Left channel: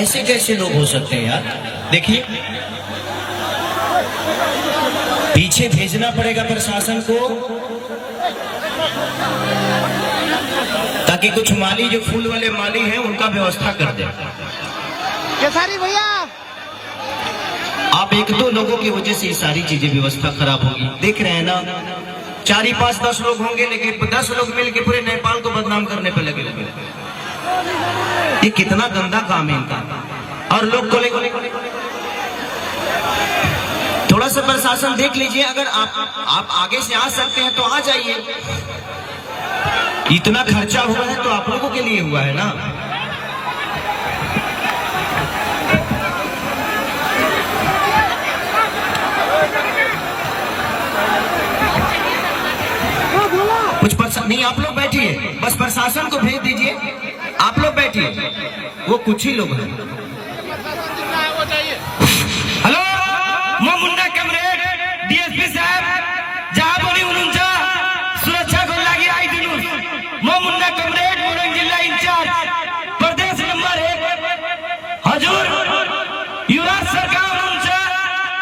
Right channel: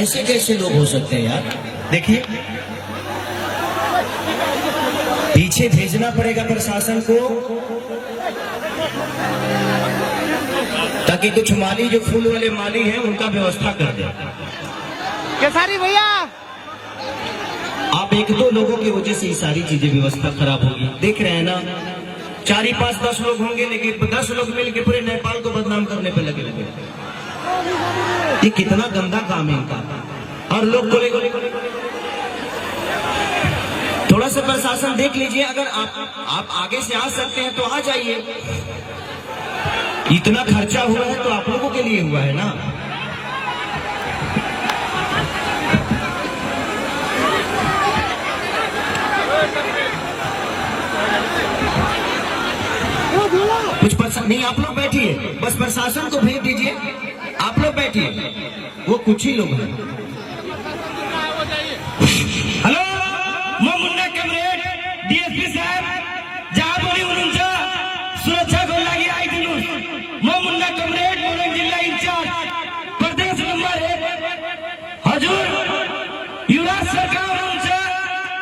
ऐसे कैसे लोग हो सकते हैं यार? देखिए, पीछे भेजना पड़ेगा प्रशासन को, ताकि कुछ माली जो फूल वाले माली हैं उनका व्यवस्था कर दे। केसारी भैया, आप 1-2 लोगों की वजह से ये सारी चीजें व्यवस्था खराब होगी। देख रहे हैं ना, 4 5 10 लोग होंगे, लेकिन 10 लोग मिलकर पूरे नेपाल को बदनाम करने पर लगे लगे। ये कितना गंदा काम है इनका। और लोग को थोड़ा सा प्रशासन देख लीजिए, अगर आप आगे से आ सकते हैं तो आ जाइए। इतना खर्चा हुआ है तो आप लोगों के लिए हुआ है ना। कुछ नहीं, आप लोग बैठिए, बस प्रशासन को भेज दीजिए। आप लोग बैठिए, वो कुछ ही लोग हैं। हेलो, मैं मुन्ना कमरेड डीएसपी साहब, जहाँ बोली उनका सुरक्षा को लगी आई थी। मैं मुन्ना कमरेड मोरंग जिला इंचार्ज प्रदेश नंबर 1 हजूर युवराज सरकार उनसे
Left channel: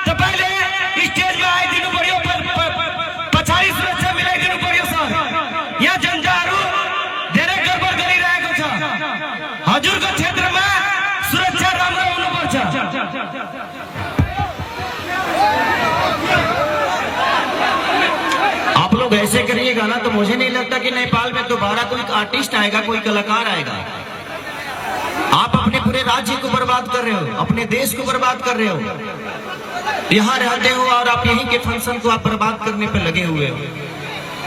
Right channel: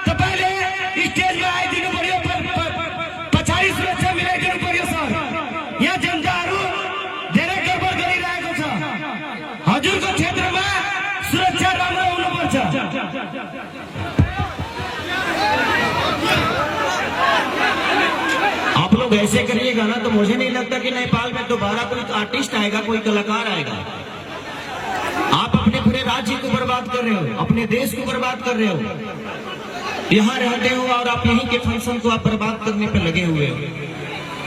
तो पहले स्टेज में आई थी। बढ़िया पछाड़ी सुरक्षा मिले थी। बढ़िया सर, यह जनजारू डायरेक्टर पर करी रहे कुछ हजूर के क्षेत्र में सुरक्षा राम आप लोग ऐसे करिएगा ना तो मुझे नहीं लगता कि नेपाल में दोबारा कोई आर्टिस्ट आएगा, कोई कलाकार आएगा। आप अपने पूरे राज्य को बर्बाद कर रहे हो, अपने देश को बर्बाद कर रहे हो। यहाँ रहते हो और आप यहीं के फंक्शन को आप बर्बाद करने पर लगे हुए हो।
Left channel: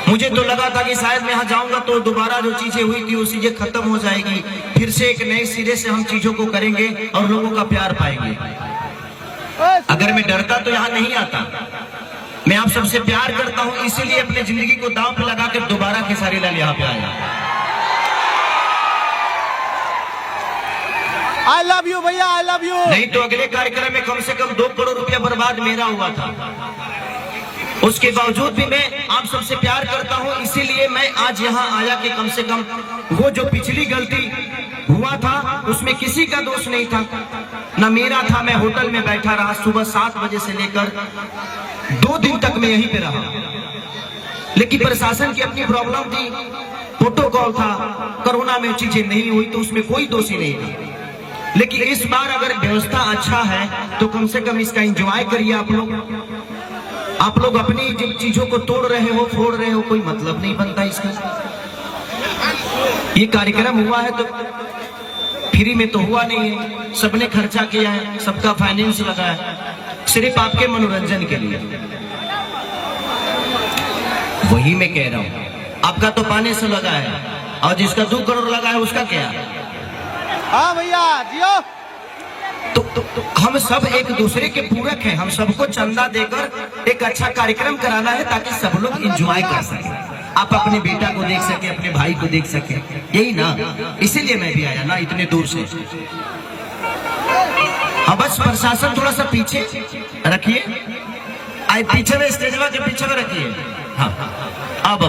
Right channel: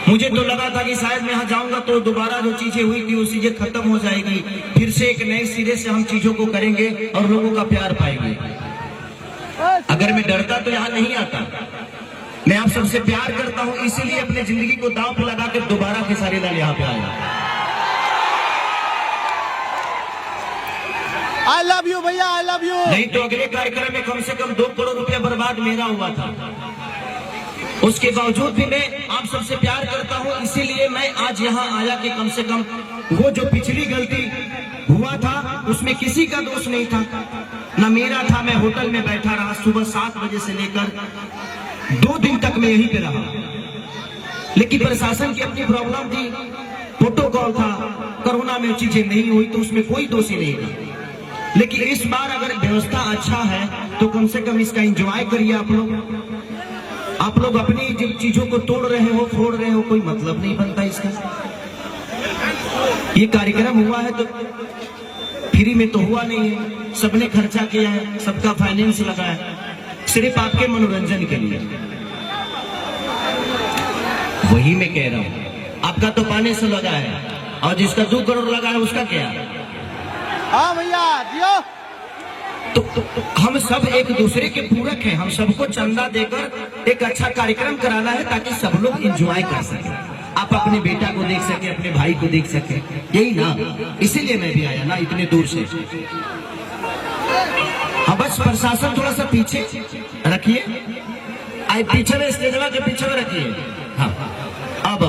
मुझे तो लगा था कि शायद मैं यहाँ जाऊंगा तो दोबारा जो चीजें हुई थी वो चीजें खत्म हो जाएगी, फिर से एक नए सिरे से हम चीजों को करेंगे और लोगों का प्यार पाएंगे। अगर मैं डरता तो यहाँ नहीं आता। मैं आप सबसे प्यार करता हूँ, इसीलिए अपनी जिंदगी को दांव पे लगा कर दोबारा खेसारी लाल यहाँ पे आया। आई लव यू भैया, आई लव यू। नहीं तो अगले कार्यक्रम में कम से कम 2 करोड़ रुपया बर्बाद मेरा हुआ था। उसके बावजूद भी मैं आप सबसे प्यार करता हूँ, इसीलिए मैं आज यहाँ आया कि कम से कम वो जो पिछली गलती हुआ था उसमें किसी का दोष नहीं था, ना मेरा था। मैं होटल में बैठा रहा, सुबह 7 बजे से लेकर 2 दिन तक मैं यहीं पे रहा। लेकिन प्रशासन की अपनी प्रॉब्लम थी, प्रोटोकॉल था, कोरोना में चीजें नहीं हुई तो उसमें कोई दोषी नहीं था। लेकिन इस बार अगर व्यवस्था अच्छा है तो कम से कम इसका एंजॉय करिए आप लोग। आप लोग अपनी जो चीजों को तोड़ रहे हो, फोड़ रहे हो, कोई मतलब नहीं बनता इसका। ये कार्यक्रम हुआ है तो फ्री में तो हुआ नहीं है, सबने खर्चा किया है, सबका फाइनेंस लगा है, सिर्फ आपके मनोरंजन के लिए। वही मैं कह रहा हूँ, आपका तो पाने से लगा है और जिसका 2 करोड़ लगा है उसका क्या है? हाँ भैया जियो। तो हम सब एक दूसरे के पूरक हैं। हम सबको चंदा देकर एक अच्छा कार्यक्रम कराना है ताकि सब लोग एंजॉय कर सके, आप अपने बेटा को देख सके, अपने भाई को देख सके, यही ना। इसीलिए मैं भी आया ना इतने दूर से। अब बस प्रशासन थोड़ा सा पीछे रखिए, पीछे में स्टेजवा के पीछे में रखिए। हाँ, अब